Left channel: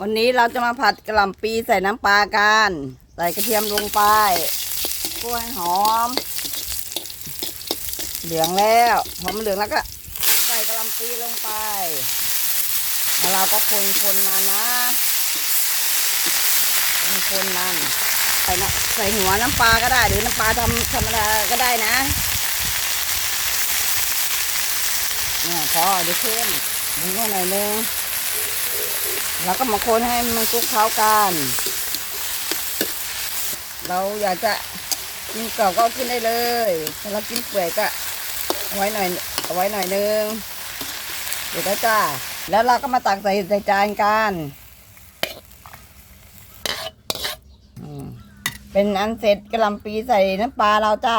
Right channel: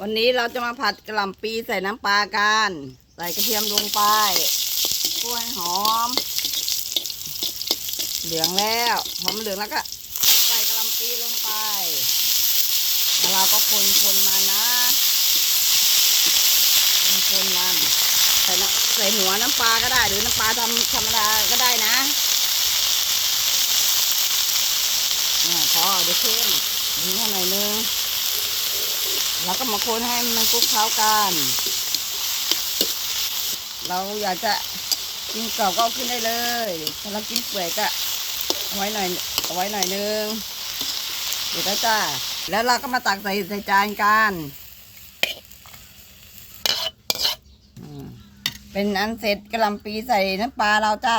วันนี้เราจะมาผัดกระหล่ำปีใส่น้ำปลากัน ใส่กระเทียมลงไปกล้วยหอม เหลืองแล้วหอมเหลืองแล้วก็ ใส่กระหล่ำปีลงไปแล้วเราก็คนคนๆนานนะคนนๆนานใส่ใส่หัวน้ำปลาก็ได้ หรือน้ำปลาธรรมธรรมดาก็ได้นะเนี่ยพอเดี๋ยวเค็มนิดหน่อยนึง แล้วก็มาคนให้มันคลุกเคล้ากัน เราอยากจะกินกรอบก็เอากินได้เลยถ้าเรากินเปื่อยก็เอาไว้หน่อยเอาไว้หน่อยนึงเดี๋ยวก็จ้า แล้วเราก็มาตักใส่ใส่จานกันเป็นอันเสร็จกระหลำปีใส่น้ำปลาเราจ้า